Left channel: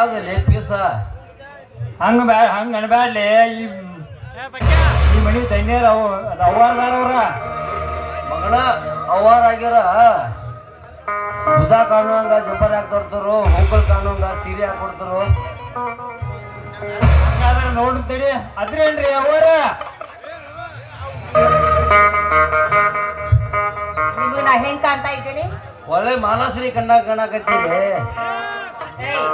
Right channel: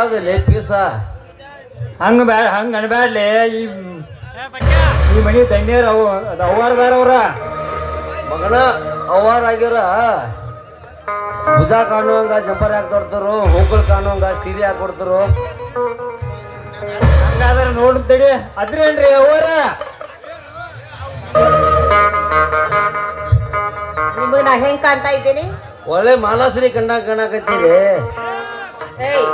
ಮಂಜ ಇದ್ಯಾವ್ದಲ್ಲಿ piece? ಹಂಗ ಬ್ಯಾ ಹಂಗ ಅನ್ಬ್ಯಾಡ್ಲಿ ಈ ಈ ಮನಿ ತಣ್ಣೀರ್ ಅವು ಅದು ಅವ್ವಾರ ಬೇರವ್ರ ಮಗಳ ಅವಾರ ಆಗ್ಯಾರ. ಬುಧ ಕಾಣುವಂಗ ಜಂಪರ್ ಹಾಕಿ ಕೊಡ್ತಾರು ಹೋಗಲ್ ಕಾಣುವಂಗ ಸೀರೆ ಹಾಕಿ ಕೊಡ್ತಾರು. ಹಂಗಾದ್ರೆ ನೋಡ್ ತಡಿ ಅದ್ರೇನ್ರಿ ಅವ್ವಾರ? ನಿಮಗೆ ನಾ ಹೆಂಗ್ ಕಾಣ್ತಾ ಇದ್ದೀನಿ? ಒಳ್ಳೆ ಮಾನಸರಿ ಕಂಡ ಕಾಣಕತ್ತೀರಿ ಏಯ್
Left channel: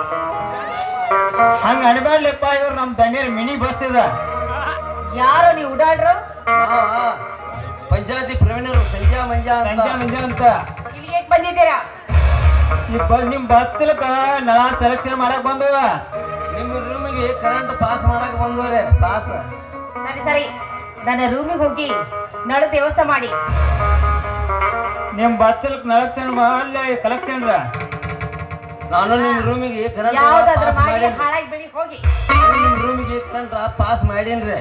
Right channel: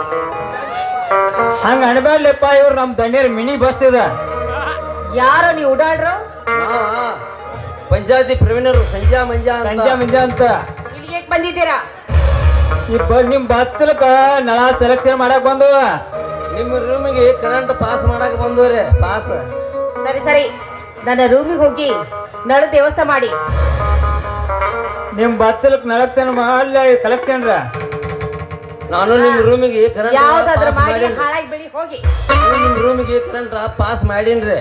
ಹಂಗ ಅನ್ಬ್ಯಾಡ್ಲಿಪ್ಪ ಇವ್ರು ನಮ್ ದಣ್ಯರ್ ಮಿನಿ ಬಸ್ ಇದ. ಯಾರು ನೀವು ಉಡಾಡ್ರ? ಪಂಚಾಯತಿ ಪ್ರವೀಣರು ಸಂಜಾ ಮಂಜಾ ಸಂಜಾ ಮಂಜಾ ಅಂತ. ಇಲ್ಲಿಗೆ ಬಂದಿದ್ದೀರಾ? ಇಪ್ಪ ನಿಮ್ ಬಸ್ಲಪ್ಪ ನಾ ಸೆಲೆಕ್ಷನ್ ಮಾಡಕ್ ಬಂದವ. ನಿಮ್ಮ ರೂಮಿಗೆ ಕರೆಂಟ್ ಪಾಸ್ ಮಾಡಕ್ ಬಂದವ್ರೆ ಪಾಸ್ ಸರಿ ಸರಿ. ನನ್ನ ರೂಮಿಗೆ ಹೋಗಿ ನಳ ವ್ಯವಸ್ಥೆ ಮಾಡಿ. ನಿಮ್ ಬಸ್ಲಕ್ ನಳಕ್ಷನ್ ಮಾಡ್ಲೇ ಕಲೆಕ್ಷನ್ ರ. ನಾನು ನಿಮ್ಮ ರೂಮಿಗೆ ಯಾವ್ದಾದ್ರು ಪಾಸ್ ಮಾಡಿ ಹಾಳಾಗಿ ಬೆಳಿ ಹೋಗಿ. ನಿಮ್ಮ ರೂಮಿಗೆ ಕರೆಂಟ್ ಪಾಸ್ ಮಾಡೀನ್ರಿ.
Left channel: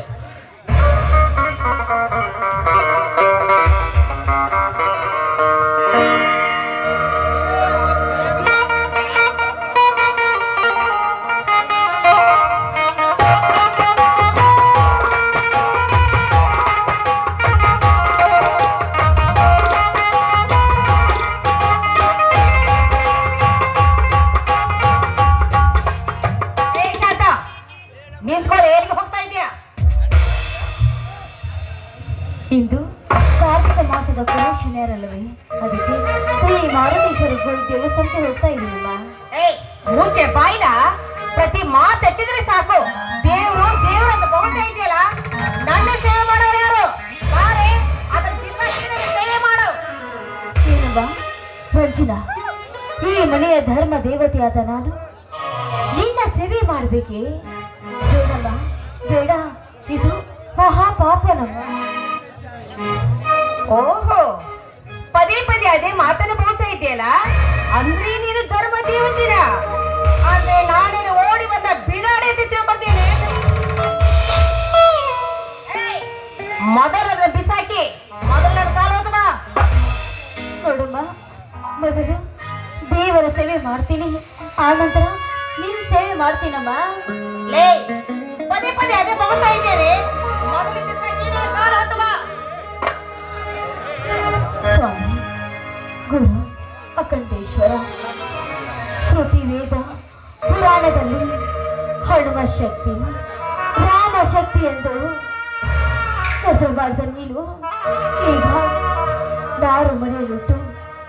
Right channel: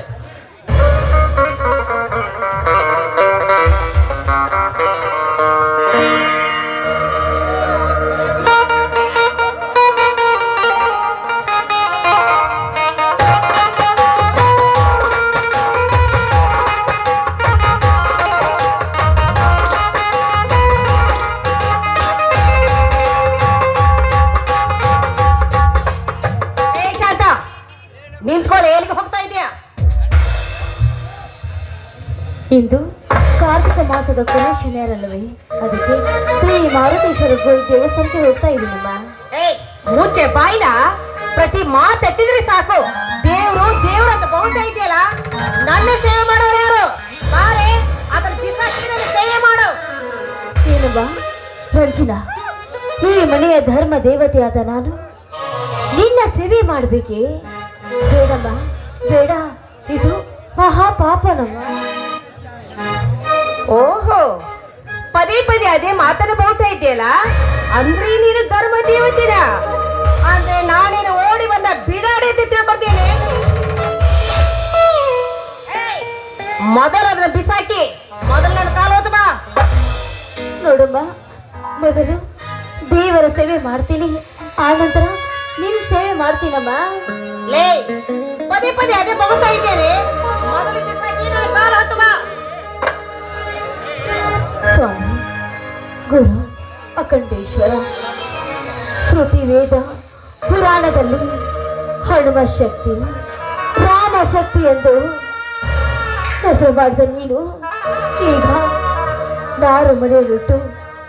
ಇಂದು ಕಾರ್ತಿಕ ಮಾಸದ ಕೊನೆ ಶನಿವಾರಲ್ಲವೇ ಅದಕ್ಕೆ ಶ್ರೀ ಮಾರುತೇಶ್ವರ ದೇವಸ್ಥಾನಕ್ಕೆ ಹೋಗ್ತಾ ಇದ್ದೀನಮ್ಮ ಮುಂಚೆ ಬಾಯಿನ ಪ್ರತಿ ಮಾತು ಎತ್ತಿದ್ರೆ ಸಾಕು. ದೇವರು ದೇವರ ಅಂತ ಬೌಳ್ತಾ ಇದೆಯಲ್ಲ ನನ್ನ ಸೇವೆ ಮಾಡೋರು ಯಾರು? ಬಾರೆ ಅದನ್ನ ನನ್ನ ಸೇವೆ ಮಾಡು. ಏನಪ್ಪ ರಂಜನಾ ಈ ಮನೆಯ ಧರ್ಮ ದೇವತೆಯಾದ ನಾನು ನಿನ್ನ ಸೇವೆ ಮಾಡಬೇಕೆ? ಬೇಡಮ್ಮ ಬೇಡ ಇದು ಮಹಾಪಾಪನು ಓಹೋ, ಪದೇ ಪದೇ ಅದೇ ಮಾತನ್ನು ಬೌಳ್ತಾ ಇದೆಯಲ್ಲ ಅಂದ್ರೆ ನೀನು ಧರ್ಮ ದೇವತಿನ? ಅಂದ್ರೆ ನಾನೇನು ಓಡಿ ಬಂದ ಬಿಡಾಡಿ ಅಂತ ತಿಳ್ಬರ್ತೇನೆ ಮೊದಲು ಅದನ್ನ ಬಿಸಾಕಿ, ಮೊದಲು ನನ್ನ ಕಾಲು ಹೋದ ನೋಡಮ್ಮ ಮೊದಲು ದೇವರ ಸೇವೆ ಮಾಡ್ತೀನಿ. ಆನಂತರ ನೀನು ಸೇವೆ ಮಾಡ್ತೀನಮ್ಮ. ಲೇ, ಪದೇ ಪದೇ ಅದೇ ಬೌಳ್ತಾ ಇದ್ದೇನೆ. ಗುರು ಅಖಂಡೇಶ್ವರ. ವೇದ ಪುರಾಣದಲ್ಲಿ ಹನುಮ ಶಕ್ತಿ, ರಾಮ ಶಕ್ತಿ ಎಂದು ಹೆಸರು ಮಾಡಿದ ನೀನು, ಈಗ ನಾರು ಮನೆಯಲ್ಲಿಟ್ಟು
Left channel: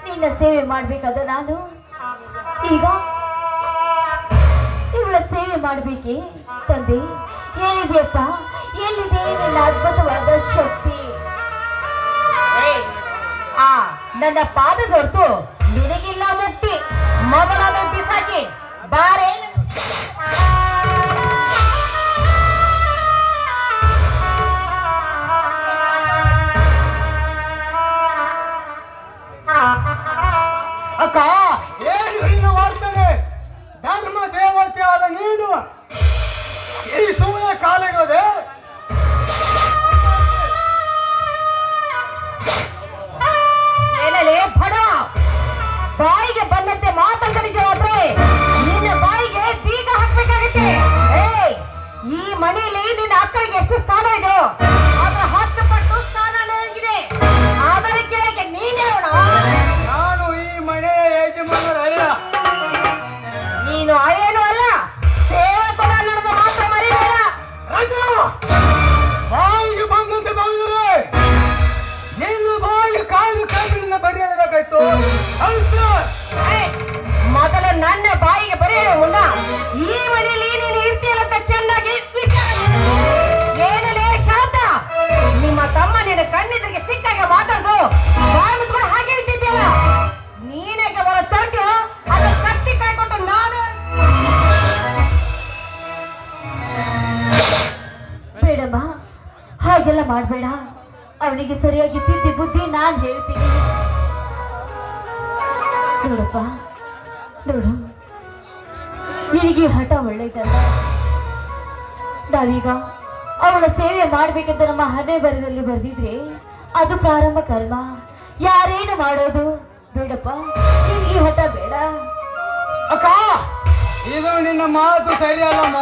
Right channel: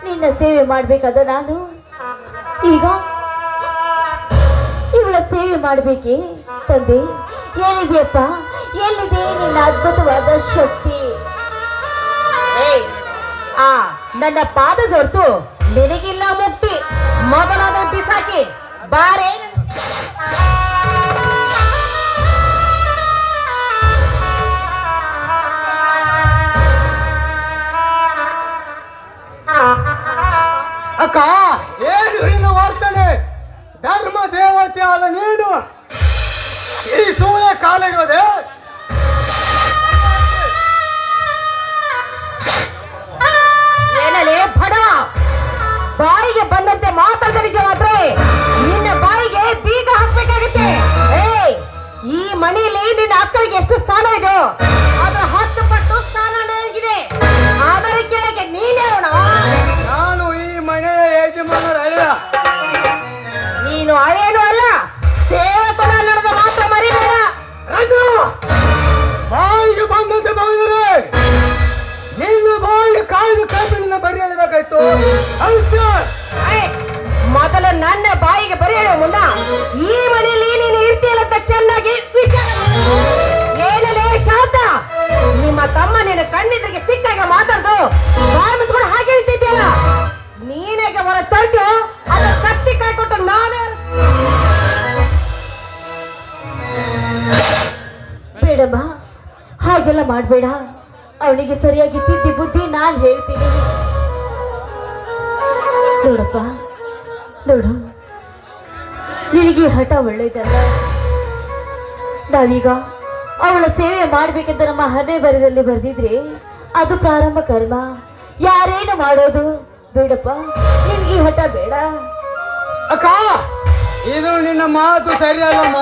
ನಿನ್ನ ಸೇವೆ ಮಾಡಬೇಕಾದ ನಾನು. ಈಗ ಇವಳ ಸೇವೆ ಮಾಡಬೇಕೇ ತಂದೆ? ಏನಿದೆಯಪ್ಪ ಎಲ್ಲಿದೆ ನಿನ್ನ ಅದ್ಭುತವಾದ ಶಕ್ತಿ? ಆ. ನನ್ನ ಪಾದ ಹೊರತು ನಿನಗಿಲ್ಲ ಮುಕ್ತಿ. ಮಗಳಾದ ಬಿಸಾಕಿ ಹಾಗೆಲ್ಲ ಮಾಡಬೇಡ. ಅವನಿಗೆ ಸರಿಯಾಗಿ ತಿದ್ದಿ ಬುದ್ಧಿ ನಾನು ಹೇಳ್ತೀನಿ. ನೋಡಪ್ಪ, ನೋಡು. ನಿನಗೆ ಹಠ ಒಳ್ಳೇದಲ್ಲ ನಾವೀಗ ಅವಳ ಸೇವೆ ಮಾಡ್ಬೇಕಂತ ನಮ್ಮ ಹಣೆ ಬರದಲ್ಲಿ ಬರೆದಿದ್ರೆ ಅದು ಪ್ರಾರಂಭ ಕರ್ಮ. ಯಾರೇನು ಮಾಡೋದು? ಬೇಡಪ್ಪ, ನಿನ್ಗೆ ಹಠ ಬೇಡ. ಅಕ್ಕ, ಇದು ನಿನ್ನ ಮಾತು ಸರಿಯಲ್ಲಮ್ಮ.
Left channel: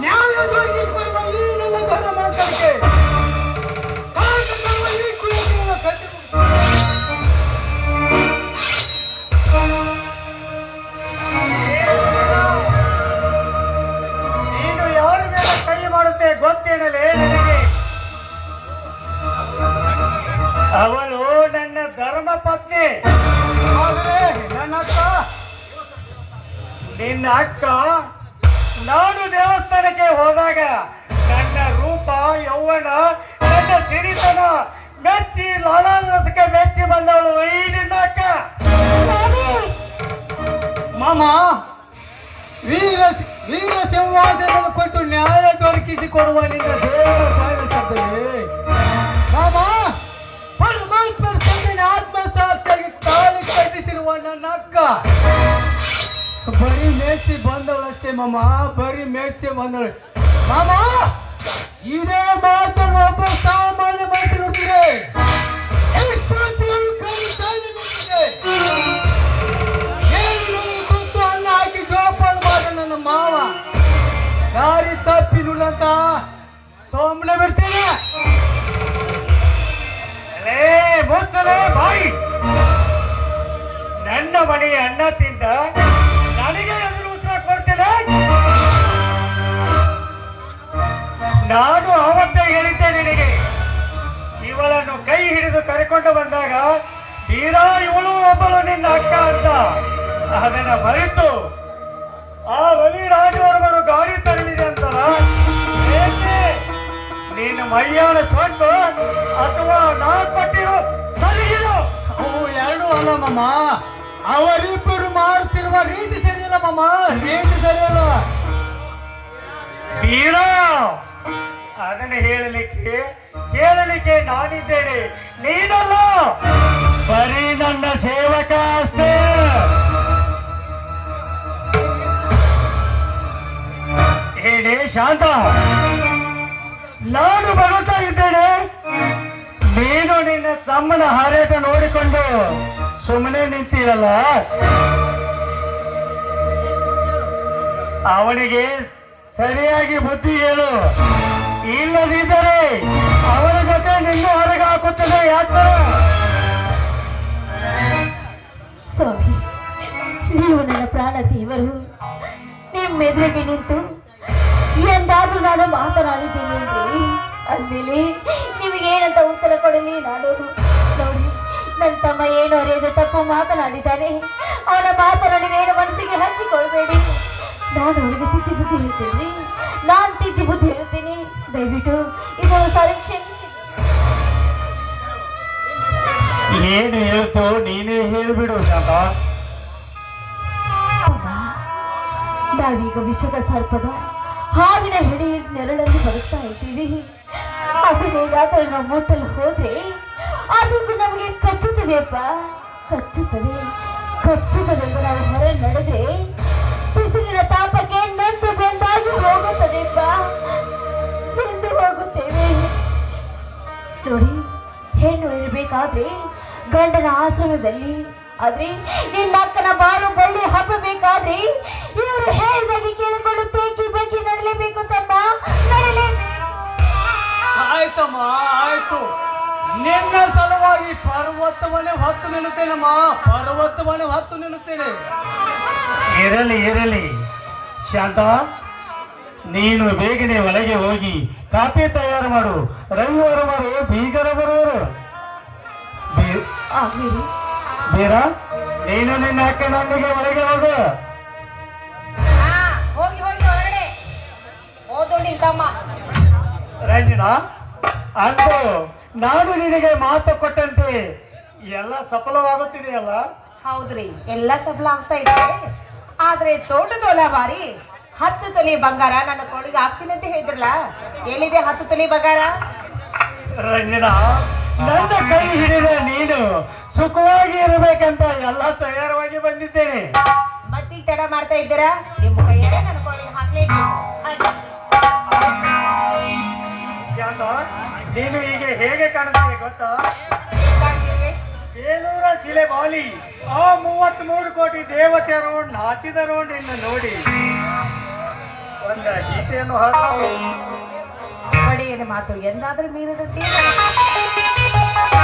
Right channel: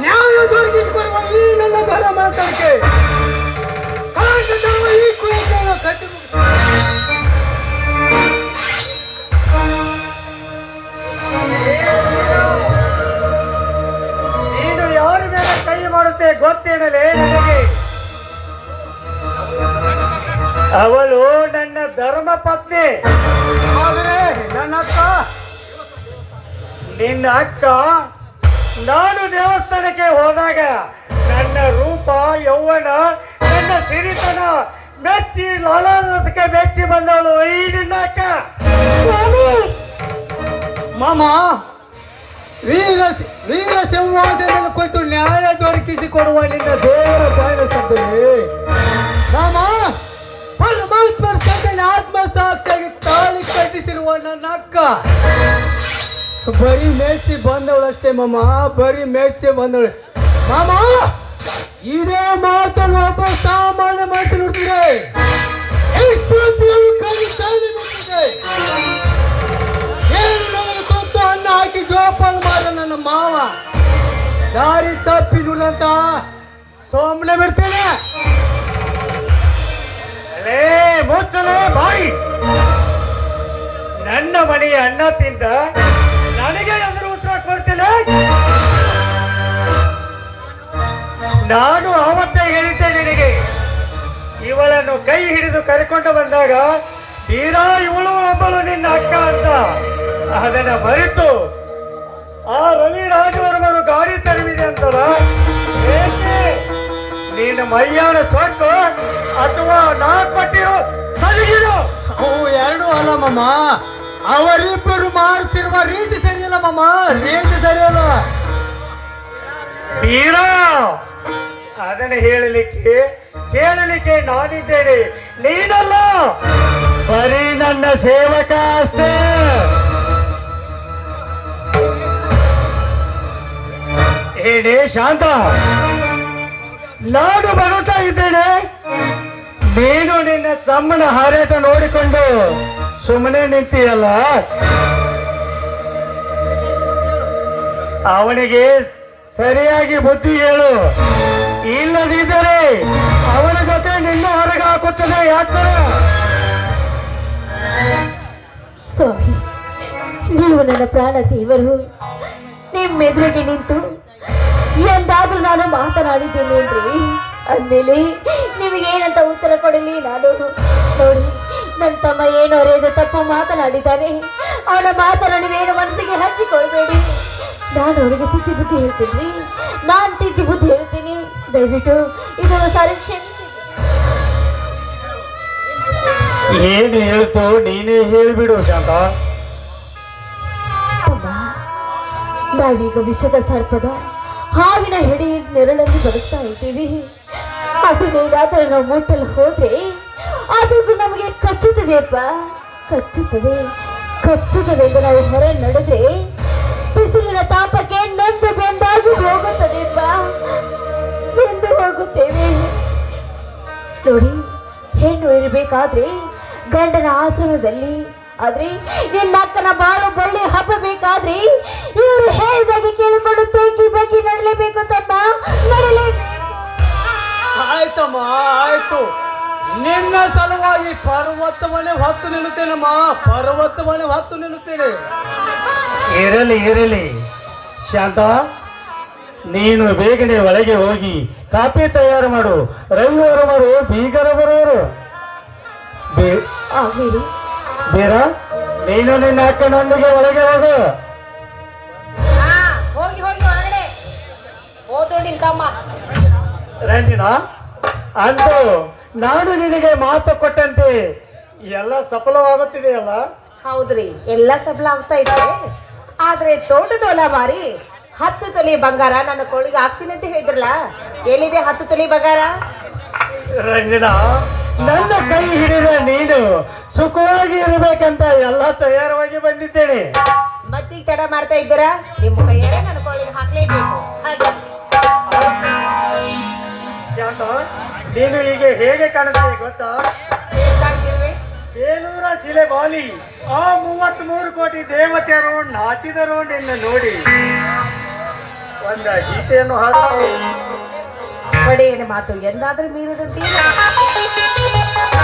ನ್ಯಾಯ ದೊರಕಿಸಿಕೊಡುವ ಈ ನನ್ನ ಧರ ಮಾತಕ್ಕೆ ಈ ಕುಲಕರ್ಣ ಕಟ್ಟಿ ನೀನು ಯಾರು ಮೇಲೆ ಕೈ ಮಾಡುತ್ತೆ ಗೊತ್ತಿರಲೇ ನನಗೆ ಅವಳು ನನ್ನ ಧರ್ಮ ಪತ್ನಿ. ಆದರೆ ನನ್ನ ಅಕ್ಕ? ನಿನ್ನ ಅಕ್ಕ ನಾನು ದೇವಸ್ಥಾನಕ್ಕೆ ಹೋದಾಗ ನನ್ನ ರೂಪ ಯೌವನ ನನ್ನ ಸಿರಿತನ ಮೆಚ್ಚಿ ಲಾಲಕ್ಕೆ ಮೆಚ್ಚಿ ಬಂದಳು ಈ ನಿನ್ನ ಅಕ್ಕ ಮಾಮ ವೀರ ವೀರ ಸಿಂಹಾಸನ ಕೊಟ್ಟು ನ್ಯಾಯ ದೊರಕಿಸಿಕೊಡುವ ನಿನ್ನ ದೇವರ ಬಯಸಿದ್ದರೆ ಬರೀ ಮೇಚಿ ಬಂದವಳಷ್ಟೇ ಮಾಮ. ಬರೀ ಮೇಚಿ ಬಂದವಳು. ಮಾಮ, ಇದೇ ಮಾತನ್ನು ವಾಪಸ್ ಸಾಮಾನ್ಯ ಎಷ್ಟು ಕಲಿತಾನೆ ನಿಂತಿದೆ. ಏನು ತುತ್ತು ಅನ್ನ ಹಾಕಿ ಜೋಪಾನ ಮಾಡಿ ನನ್ನ ಮಾವ ದಾರಿ ತಪ್ಪಿನುಳ್ಳಂತ ಸೋಮನೆ ಬಿಡ್ತೇನೆ. ಬಾಯಿ. ನನ್ನ ಮನೆಗೆ ಅನ್ನ ತಿಂದ ಕೈ ಹಿಡಿದು ಕರೆಕೊಂಡು ಬಂದಾಗ ತೀರಾ ಇವಳು ಒಬ್ಬಳು ನಿನ್ನ ಅಕ್ಕ ಅಂತ. ಅದನ್ನ ಮರೆತು ಆ ರವಿ ರಾಜವರ್ಮರು ಗಾಡಿ ತರಲಿದೆ ಅಂತಲ್ಲ? ಏಕೆ? ನಿನ್ನ ಮೈಯಾನ ಸ್ವಂತ ಅಥವಾ ನಾ ಕೊಟ್ಟಿರೋ ಸರಿಗಿರೋ? ಅವು ಎರಡು ಅಲ್ಲ ಮಮ್ಮ ಅವರಿಬ್ಬರು ಮಾಡ್ತಿರುವ ರೀತಿ ಸರಿಯಲ್ಲ ಮಮ್ಮ ರೀತಿ ಸರಿಯಲ್ಲ. ತೀರಾ ಅದನ್ನ ಹೇಳಲಿಕ್ಕೆ ಕೇಳಲಿಕ್ಕೆ ನಾನಿದ್ದೇನೆ. ನೀನಲ್ಲ? ಬರೀ ನನ್ನ ಸೇವಕ ಅಷ್ಟೇ. ಏನೇ ಶಾಂತ. ನಾನು ಬರುತ್ತಾ ಇದ್ದೇನೆ. ನೀನು ನಿನ್ನ ತಮ್ಮನ ಹಾರಾಟ ನೋಡಿಕೊಂಡು ಸುಮ್ಮನೆ ನಿಂತೀಯಲ್ಲ? ಅವನಿಗೆ ಸರಿಯಾಗಿ ಬುದ್ಧಿ ಹೇಳು. ಇಲ್ಲದಿದ್ದರೆ ನೀವು ನನ್ನ ಪ್ರಾಣ ದೇವರು, ನಿಮ್ಮೆದುರಿಗೆ ನಿಂತು ಎಂದಾದ್ರೂ ನಾನು ಮಾತನಾಡಿದ್ದೇನೇನ್ರಿ ಅಂದಮೇಲೆ ನಿಮಗೆ ಏನಂತ ಉತ್ತರ ಕೊಡಲಿ? ನಾನು ನೋಡಿ ನನ್ನ ತಮ್ಮ ಏನು ಅರಿಯದ ತಪ್ಪು ಮಾತನಾಡಿದ್ದಾನೆ. ಅವನ ಮಾತನ್ನು ನೀವೇನು ಮನಸ್ಸಿಗೆ ಹಚ್ಚಿಕೊಳ್ಬೇಡಿ. ನಾನು ಅವರಿಗೆ ತಿದ್ದಿ ಬುದ್ಧಿ ಹೇಳ್ತೀನಿ. ನಾನು ತಿದ್ದಿ ಬುದ್ಧಿ ಹೇಳ್ತೀನಿ. ದಯವಿಟ್ಟು ಇದು ಸಾರಿ ಏನು ಹೇಳ್ತು ನೀನೇ ಹೇಳ್ಬಿಡು ಶಾಂತ. ನಾವೀಗ ವಿಷದ ಸರ್ಪದ ಹಾವಿನ ಹೆಡಿ ನೆರಳಲ್ಲಿ ಬರುತ್ತಾ ಇದ್ದೀವಿ. ಅದನ್ನೇನಾದ್ರೂ ನಾವು ಮುಟ್ಟಲು ಹೋದ್ರೆ ಅದು ನಮಗೆ ಕಚ್ಚುತ್ತದೆಯಪ್ಪ ಕಚ್ಚುತ್ತದೆ ಕಚ್ಚುತ್ತದೆ ಎಂದು ನಾವು ಹೊರ ನಡೆದ್ರೆ ಬಿಸಿಲಿನ ತಾಪಕ್ಕೆ ನೊಂದು ಬೆಂದಾಗಿ ಹೋಗುತ್ತದೆಯಪ್ಪ ಎಂದು ಹೋಗುತ್ತೇವೆ. ನೋಡಿ, ಹೆಣ್ಣು ಇರಬೇಕಾದ್ರೆ ಗಂಡನ ಆಶ್ರಮದಲ್ಲಿ ಆದ್ರೆ? ನಿನ್ನ ಅಕ್ಕನ ಬಾಳು ಬಳ್ಳಿ ಹಬ್ಬಬೇಕಾದ್ರೆ ಇವರು ಹೇಳಿದಾಗ ಕೇಳಿಕೊಂಡು ತೂಕಿ ಬಗ್ಗಿ ನಡಲೇಬೇಕು ತಮ್ಮ. ಆಯ್ತಮ್ಮ ಆಯ್ತು. ನಿನ್ನ ಸಲುವಾಗಿ ಪರ್ವತ ಮನೆ ಹೊತ್ತು ನಿಲ್ಲುತ್ತೇನಮ್ಮ ಪರ್ವತ ಮನೆ ಹೊತ್ತು ನಿಲ್ಲುತ್ತೇನೆ. ಇರಲಿ ಇರಲಿ. ಶಾಂತ ನೀನು ಬೇಗನೆ ಒಳಗೆ ಹೋಗಿ ಕಾಫಿ ತಯಾರು ಮಾಡು. ರವಿವಾರ ಬರು ಬೀಗರ ಬರುವರು ಬೇ- ಬೇರ ನೀನು ನಿನ್ನ ಅಕ್ಕನೊಂದಿಗೆ ಒಳಗೆ ಹೋಗು ಹೋಗಿ ಹೋಗಿ ಹೊರಗಡೆ ಓದೋಡಿ ತಮ್ಮ ರಂಜನಾ ಅಂದು ನಾನು ನಿನಗೆ ಮಾತು ಕೊಟ್ಟಂತೆ. ಎಲ್ಲ ಸಫಲವಾಗುತ್ತಿದೆಯಲ್ಲ? ಹೌದ್ರಿ ಎಲ್ಲ ಸಫಲ ಆಗ್ತಾ ಇದೆ. ಆದ್ರೆ ತೋಟದೊಲ ಮಾರಿ ಹತ್ತು ತೊಲಿ ಬಂಗಾರ ನನ್ನ ಕೊಳಿಗೆ ಹಾಕ್ತೀನಿ ಅಂತ ಹೇಳಿದ್ರಲ್ಲ? ಎಲ್ಲಿದೆ ಹತ್ತು ತೊಲಿ ಬಂಗಾರ? ರಂಜನಾ ನನ್ನ ಕೈ ಹಿಡಿದ ನೀನು ಸುಖವಾಗಿ ಇರಬೇಕಂತ ಎಲ್ಲ ತಯಾರವಾಗಿ ಬಂದಿದ್ದೇನೆ. ಮತ್ತೀಗ ತಡ ಮಾಡ್ತಾ ಇದ್ದೀರಾ? ನಿಮ್ಮ ಕೈಯಾರೆ ನನ್ನ ಕೊಳ್ಳಿಗೆ ಹಾಕ್ಲೇಬೇಕು. ಹಾಗೆ. ಶಾಂತ ನೀನು ಹೀಗೆ ಹೇಗೆ ಕಾಣುತ್ತೆ ಗೊತ್ತಾ? ಬೇಲೂರ ಶಿಲೆ ಬಾಲಿ ಆ ಮೂವತ್ತ್ ಮೂರು ಕೋಟಿ ದೇವತೆಯರು ನಾಚಿದರು ನಿನ್ನ ನೋಡಿ. ಒಂದ ಗೀತೆಯನ್ನು ಹಾಕಿ ಒಡೆಯನ ಮಾತು? ಎಂದಾದ್ರೂ ಮೀರುದುಂಟೇ Yeah.